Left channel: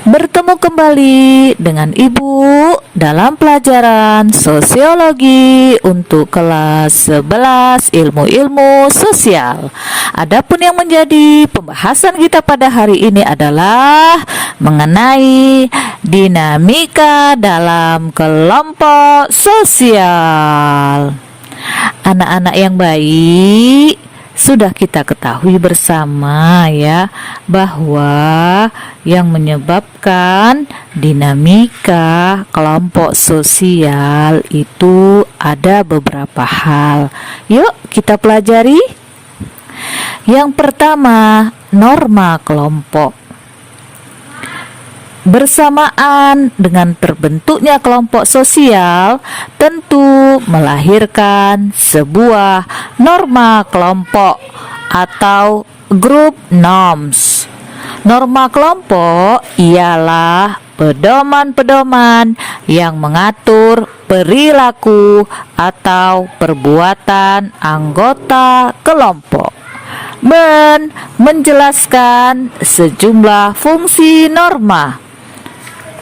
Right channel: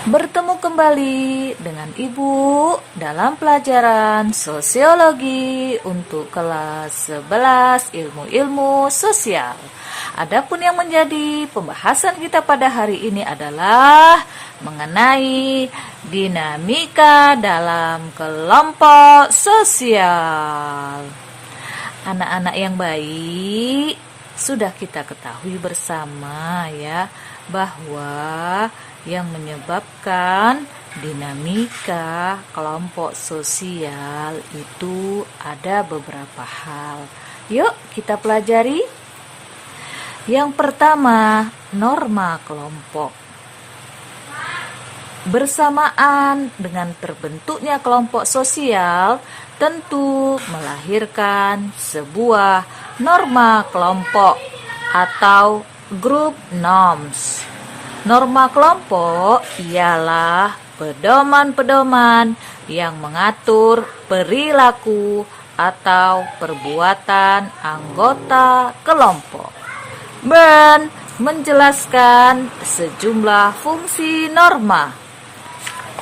Bertemu kembali dengan Ibu dalam pelajaran sosiologi untuk kelas 11 ilmu-ilmu sosial. Adapun yang menjadi pembahasan kita pada hari ini adalah mengenai dinamika dalam kelompok sosial. Anak-anak yang baik, sudah kita ketahui bersama ya bahwa yang menyebabkan dinamika kelompok sosial itu ada beberapa hal. Yuk kita pelajari. Yang pertama, norma kelompok. Bersamaan dengan terbentuknya kelompok sosial, tentu melahirkan sebuah norma kelompok atau group norms. Norma kelompok ialah pedoman-pedoman yang mengatur perilaku atau perbuatan anggota kelompok dan menjelaskan sejumlah fungsi norma.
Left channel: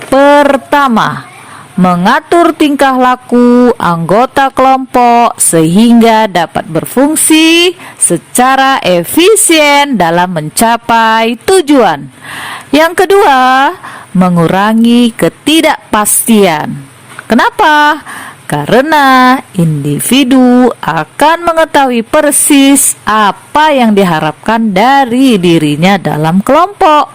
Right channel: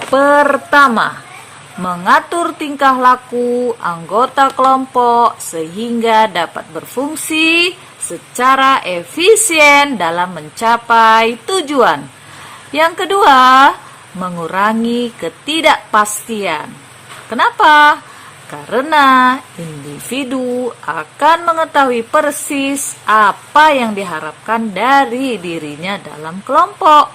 Pertama, mengatur tingkah laku anggota kelompok sehingga dapat berfungsi secara efisien dalam mencapai tujuan. Yang kedua, mengurangi ketidakpastian. Kenapa? Karena individu akan mengetahui persis apa yang diharapkan dari dirinya dalam kelompok.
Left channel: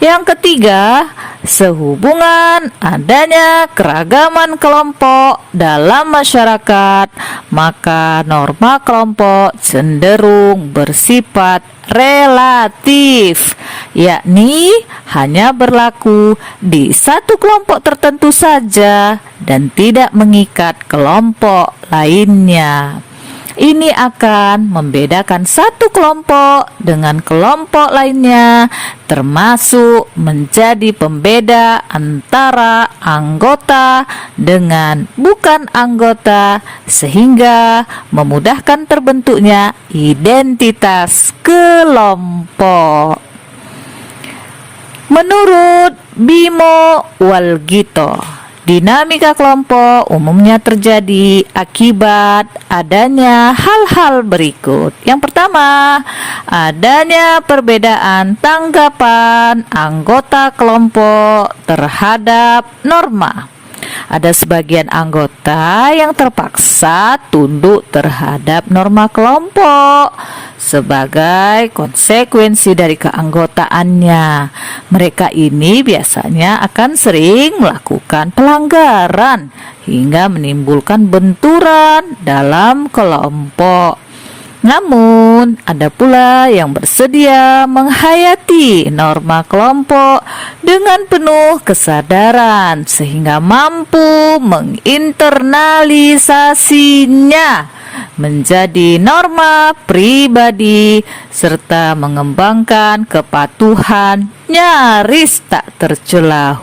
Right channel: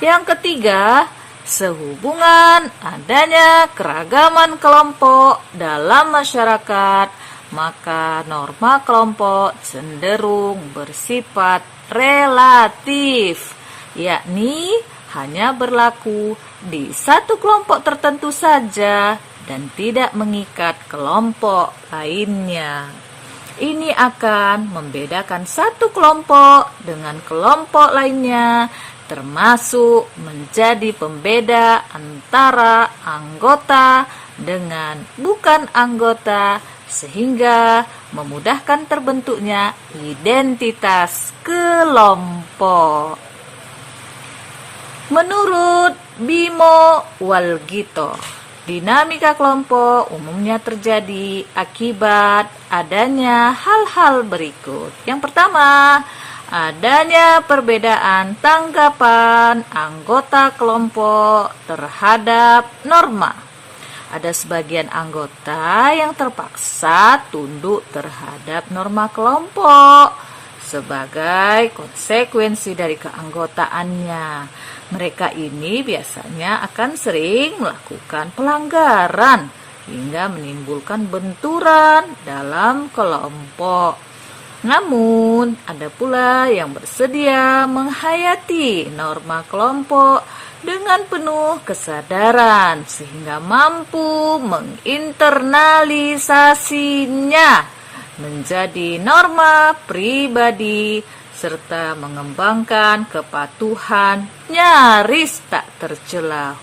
Yang ketiga, sehubungan adanya keragaman kelompok dalam masyarakat, maka norma kelompok cenderung bersifat relatif, yakni hanya berlaku di satu kelompok tertentu saja dan tidak mengikat kelompok lainnya. Ini akan membedakan satu kelompok dengan kelompok lainnya, termasuk menjadi pembeda antara anggota dengan bukan anggota, sehingga memudahkan terbentuknya identitas kelompok. Menurut Bimo Walgito, dinamika kelompok umumnya terjadi akibat adanya hal-hal berikut. Yang pertama, adanya perbedaan tanggapan anggota kelompok terhadap norma. Ada sebagian anggota yang terpaksa tunduk terhadap norma kelompok sebagai konsekuensi dari keanggotaannya. Mereka ini biasanya akan sering melakukan pelanggaran hingga menimbulkan benturan dalam kelompok. Namun, ada pula yang bersedia menghayati norma kelompok dengan penuh kesadaran sehingga mampu menginternalisasinya menjadi norma pribadi serta mengembangkan kepatuhan nyaris tak tercela.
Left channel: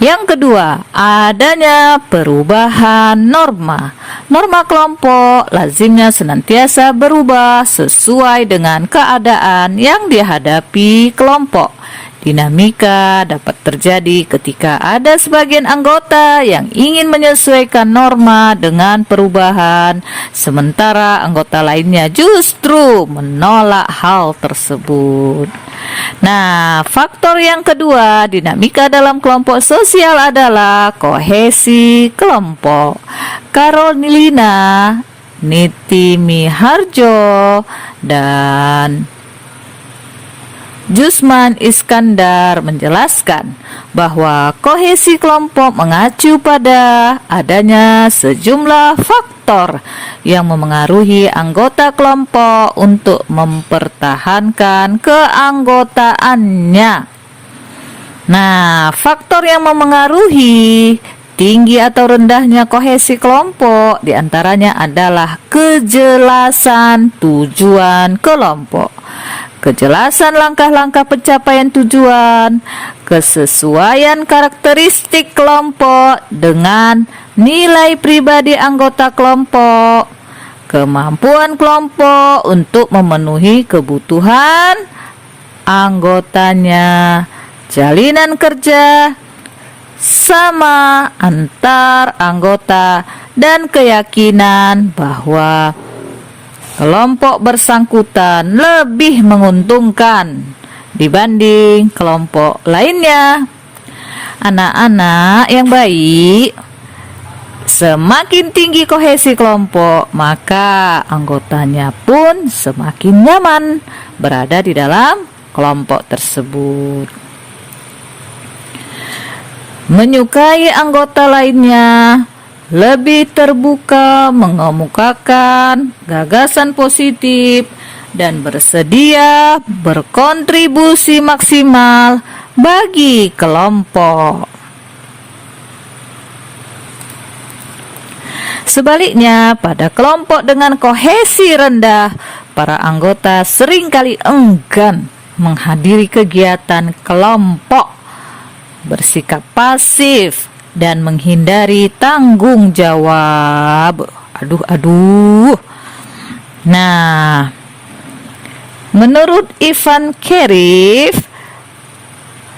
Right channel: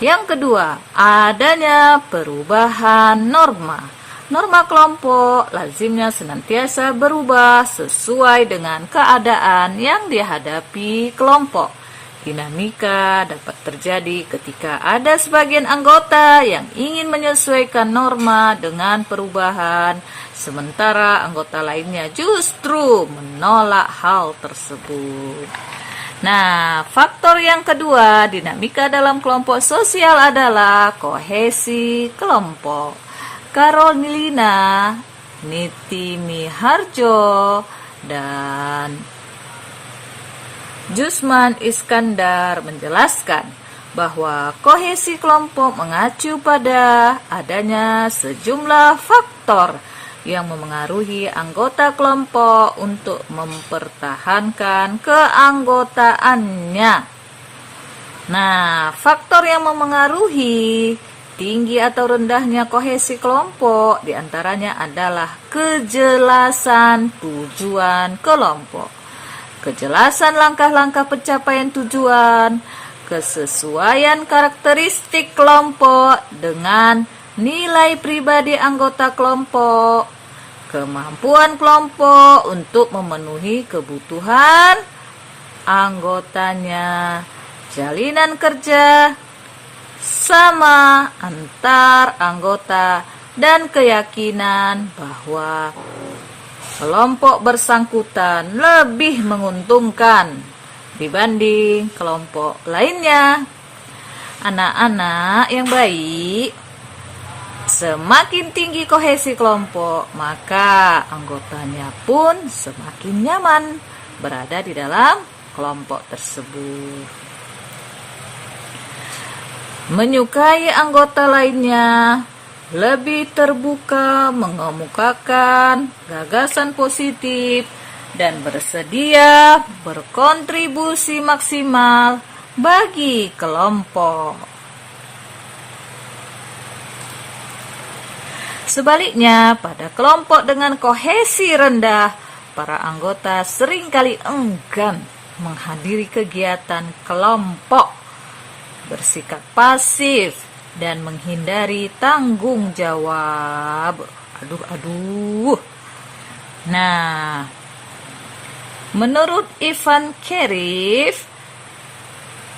Yang kedua, adanya perubahan norma. Norma kelompok lazimnya senantiasa berubah sesuai dengan keadaan yang dihadapi kelompok. Dinamika dapat terjadi ketika ada sebagian anggota yang ingin menyesuaikan norma dengan perubahan, sementara anggota lainnya justru menolak hal tersebut. Nah, faktor yang kedua dinamika dalam kelompok sosial adalah kohesi kelompok. Carolina Nitimiharjo dan Jusman Iskandar menjelaskan bahwa kohesi kelompok mengacu pada adanya sejumlah faktor yang memengaruhi anggota kelompok untuk mempertahankan keanggotaannya. Nah, faktor yang memengaruhi tinggi atau rendahnya kohesi kelompok diantaranya adalah kejelasan tujuan kelompok, kejelasan langkah-langkah pencapaian tujuan, kesesuaian karakteristik kelompok dengan nilai pribadi anggota kelompok, kemampuan kelompok untuk memenuhi kebutuhan anggotanya, jalinan kerja sama antar anggota, dan keyakinan bahwa kelompok bersangkutan lebih menguntungkan dibanding kelompok lainnya. Anak-anak yang baik, semakin tinggi kohesi kelompok, maka anggotanya pun semakin nyaman berada di dalam kelompok tersebut. Menyukai anggota lainnya, lebih terbuka mengemukakan gagasan positif, dan bersedia berkontribusi maksimal bagi kelompok. Sebaliknya, pada kelompok dengan kohesi rendah, para anggota seringkali enggan menghadiri kegiatan kelompok, bersikap pasif, dan menghindari tanggung jawab. Nah, menurut Ivan Kerif,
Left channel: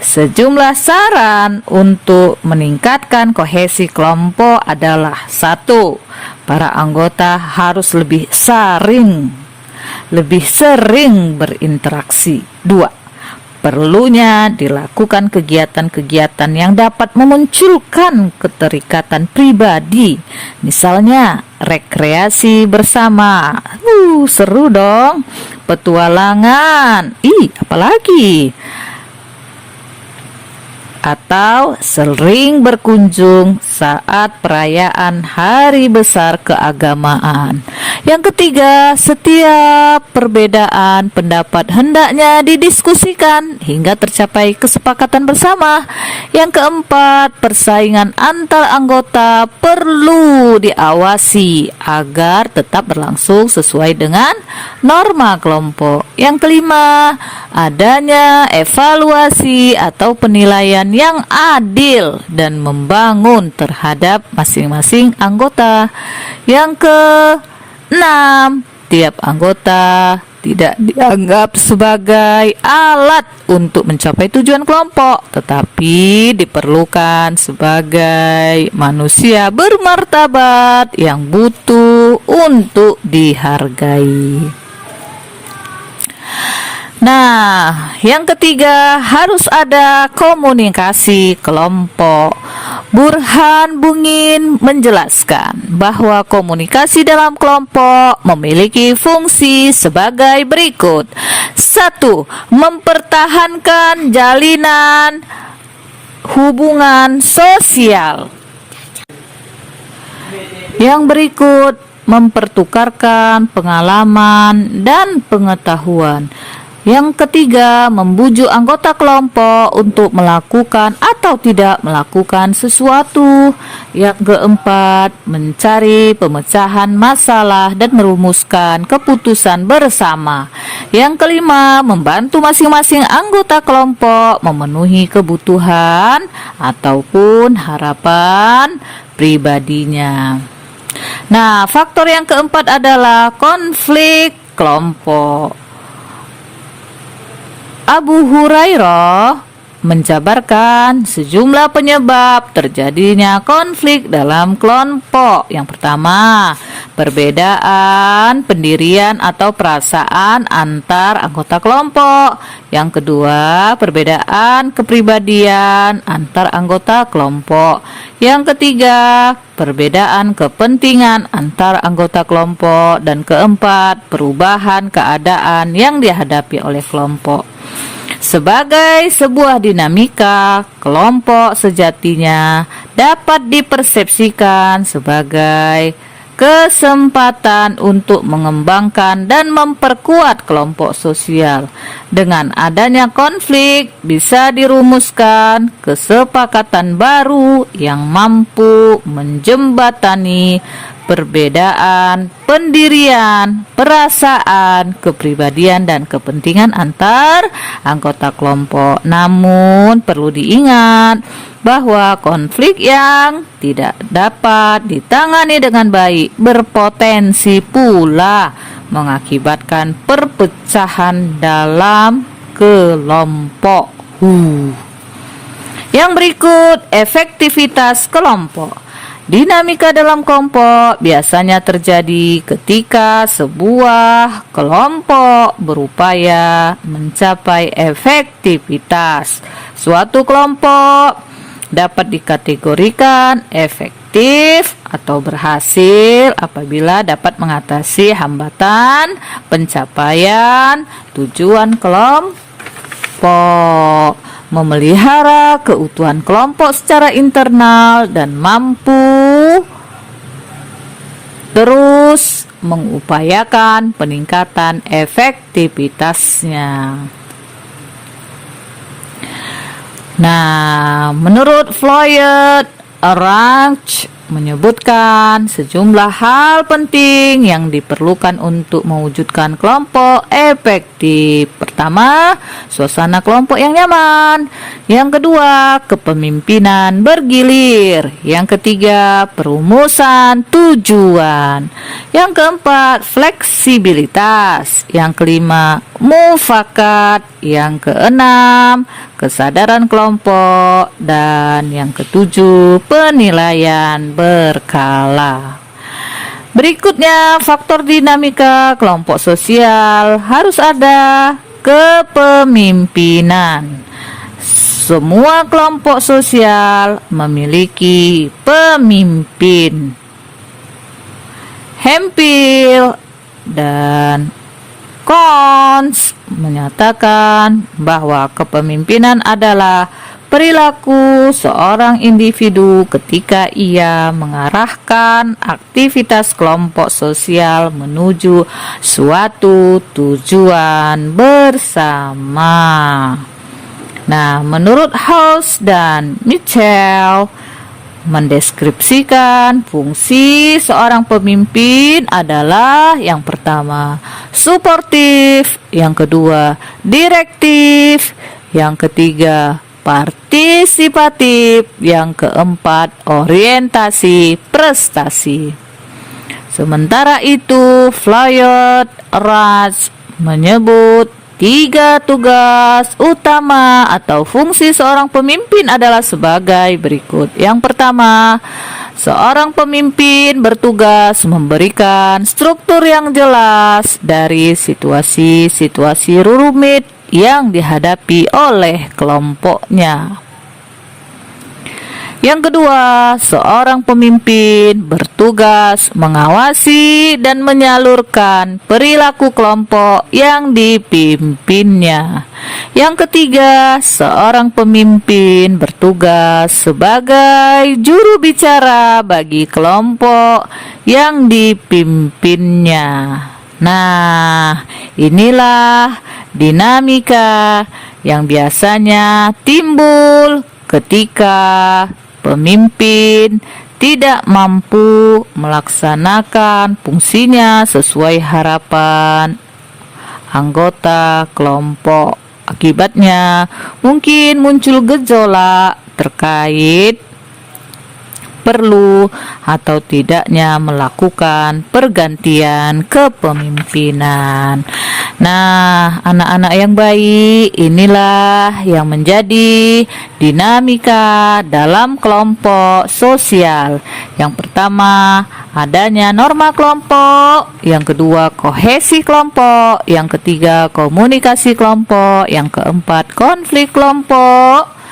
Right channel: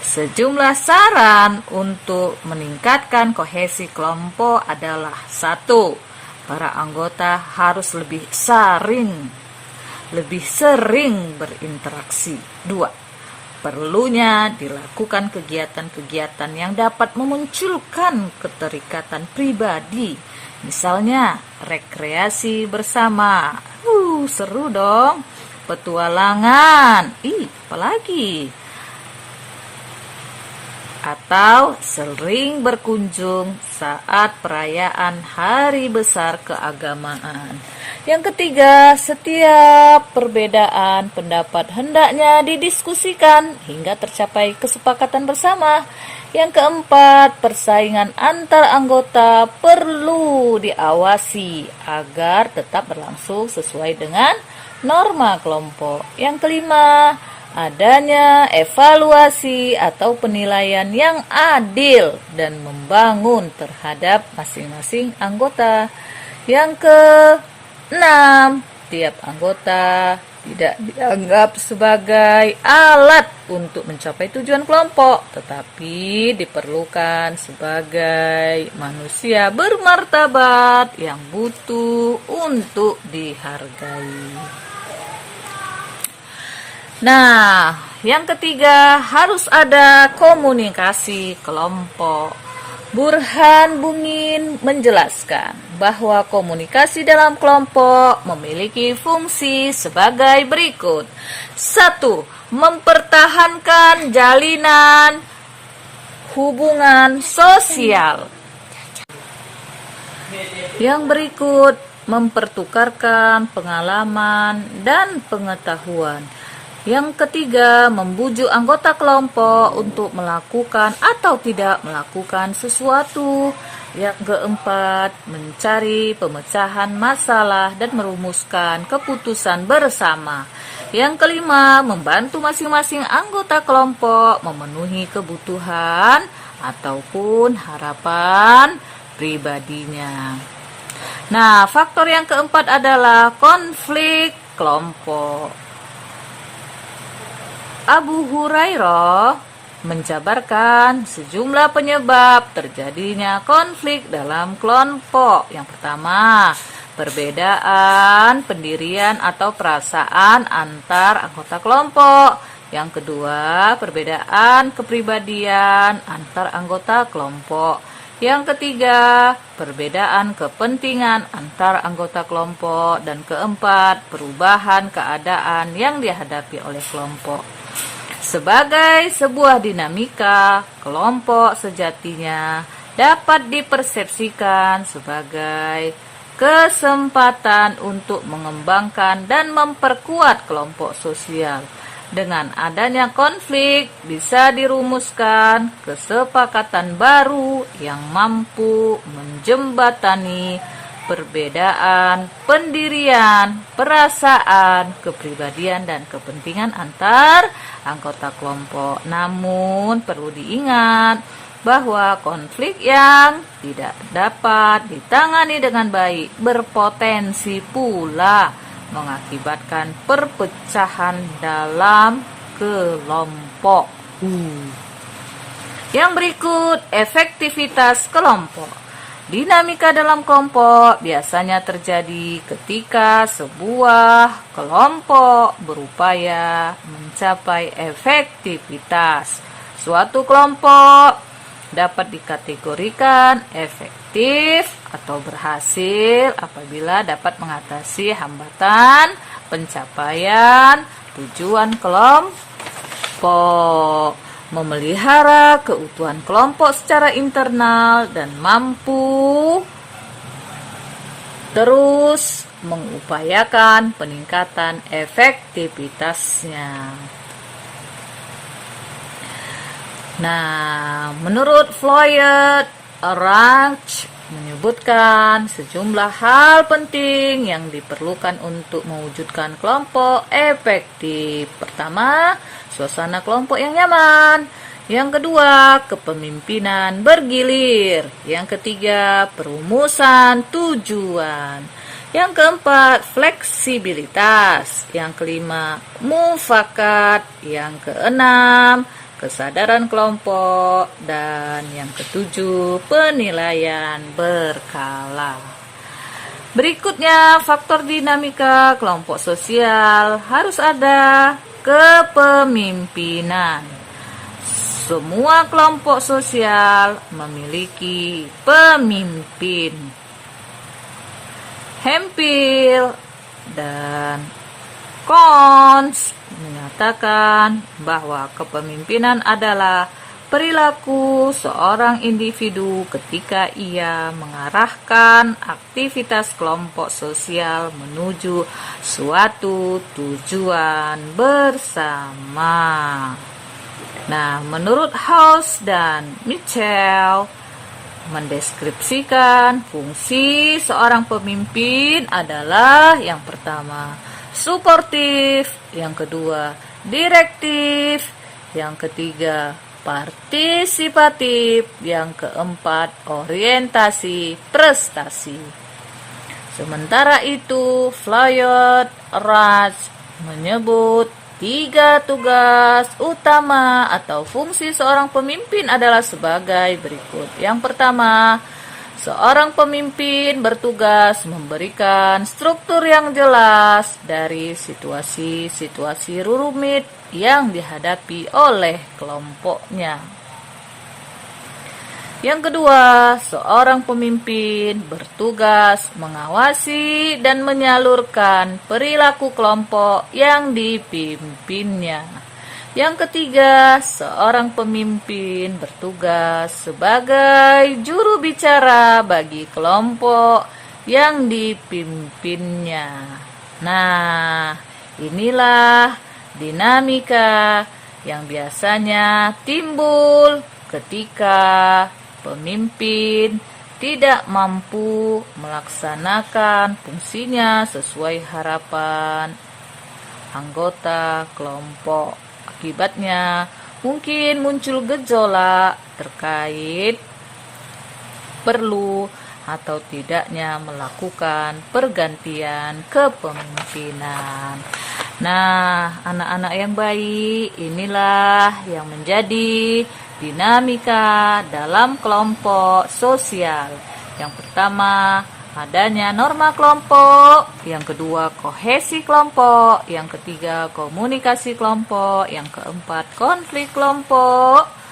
sejumlah saran untuk meningkatkan kohesi kelompok adalah: 1. Para anggota harus lebih sering berinteraksi. 2. Perlunya dilakukan kegiatan-kegiatan yang dapat memunculkan keterikatan pribadi, misalnya rekreasi bersama. Seru dong. Petualangan. Apalagi? Atau sering berkunjung saat perayaan hari besar keagamaan. Yang ketiga, setiap perbedaan pendapat hendaknya didiskusikan hingga tercapai kesepakatan bersama. Yang keempat, persaingan antar anggota perlu diawasi agar tetap berlangsung sesuai dengan norma kelompok. Yang kelima, adanya evaluasi atau penilaian yang adil dan membangun terhadap masing-masing anggota. Yang keenam, tiap anggota tidak dianggap sebagai alat untuk mencapai tujuan kelompok, tetapi diperlukan sebagai manusia bermartabat yang butuh untuk dihargai. Nah, yang ketiga, harus ada komunikasi kelompok. Burhan Bungin menjelaskan bahwa komunikasi dalam kelompok memiliki fungsi sebagai berikut. 1. Mempertahankan jalinan hubungan sosial. Yang berikut, mempertukarkan pengalaman dan pengetahuan. Yang ketiga, membujuk anggota kelompok untuk melakukan atau tidak melakukan sesuatu. Yang keempat, mencari pemecahan masalah dan merumuskan keputusan bersama. Yang kelima, membantu masing-masing anggota kelompok memenuhi kebutuhan ataupun harapan pribadinya. Nah, faktor yang keempat adalah konflik kelompok. Abu Hurairah menjabarkan sejumlah penyebab terjadinya konflik dalam kelompok. Yang pertama, perbedaan pendirian atau perasaan antar anggota kelompok. Yang kedua, perbedaan kepribadian antar anggota kelompok. Yang ketiga, perbedaan kepentingan antar anggota kelompok. Dan keempat, perubahan keadaan yang dihadapi oleh kelompok. Sebagai sebuah dinamika, kelompok sejatinya dapat dipersepsikan sebagai kesempatan untuk mengembangkan dan memperkuat kelompok sosial. Dengan adanya konflik, bisa dirumuskan kesepakatan baru yang mampu menjembatani perbedaan pendirian, perasaan, kepribadian, dan kepentingan antar anggota kelompok. Namun perlu diingat bahwa konflik yang tidak dapat ditangani dengan baik berpotensi pula mengakibatkan perpecahan dalam kelompok. Yang berikut, efektivitas kelompok. Dinamika dalam kelompok biasanya terjadi ketika sebuah kelompok berupaya mencapai efektivitas. Suatu kelompok dapat dikategorikan efektif atau berhasil apabila dapat mengatasi hambatan pencapaian tujuan kelompok, memelihara keutuhan kelompok secara internal, dan mampu terus mengupayakan peningkatan efektivitasnya. Nah, menurut Floyd, Orange menyebutkan sejumlah hal penting yang diperlukan untuk mewujudkan kelompok efektif. Pertama, suasana kelompok yang nyaman. Yang kedua, kepemimpinan bergilir. Yang ketiga, perumusan tujuan. Yang keempat, fleksibilitas. Yang kelima, mufakat. Yang keenam, kesadaran kelompok, dan yang ketujuh, penilaian berkala. Berikutnya, faktor dinamika kelompok sosial. Harus ada kepemimpinan. Semua kelompok sosial memiliki pemimpin. Hemphill dan Cons menyatakan bahwa kepemimpinan adalah perilaku seorang individu ketika ia mengarahkan aktivitas kelompok sosial menuju suatu tujuan bersama. Nah, menurut House dan Mitchell, mendeskripsikan fungsi seorang pemimpin adalah yang pertama, suportif, yang kedua, direktif, yang ketiga, partisipatif, yang keempat, orientasi prestasi. Sementara itu, Floyd Raj menyebut 3 tugas utama atau fungsi seorang pemimpin adalah sebagai berikut. Yang pertama, seorang pemimpin bertugas memberikan struktur yang jelas dari situasi-situasi rumit yang dihadapi oleh kelompoknya. Yang kedua, seorang pemimpin bertugas mengawasi dan menyalurkan perilaku kelompok yang dipimpinnya. Yang ketiga, seorang pemimpin bertugas sebagai juru bicara bagi kelompok yang dipimpinnya. Nah, inilah dinamika yang biasanya timbul ketika pemimpin tidak mampu melaksanakan fungsinya sesuai harapan anggota kelompok. Akibatnya mungkin muncul gejolak terkait perlu atau tidaknya melakukan pergantian kepemimpinan. Nah, anak-anak yang baik, inilah yang menjadi dinamika dalam kelompok sosial. Yang pertama, adanya norma kelompok. Yang kedua, kohesi kelompok. Yang ketiga, komunikasi kelompok. Yang keempat, konflik kelompok.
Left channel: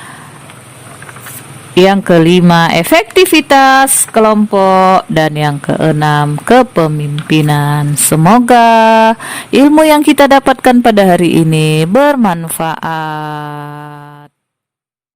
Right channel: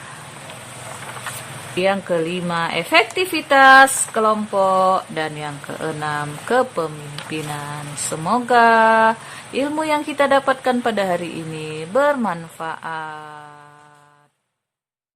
Yang kelima, efektivitas kelompok. Dan yang keenam, kepemimpinan. Semoga ilmu yang kita dapatkan pada hari ini bermanfaat.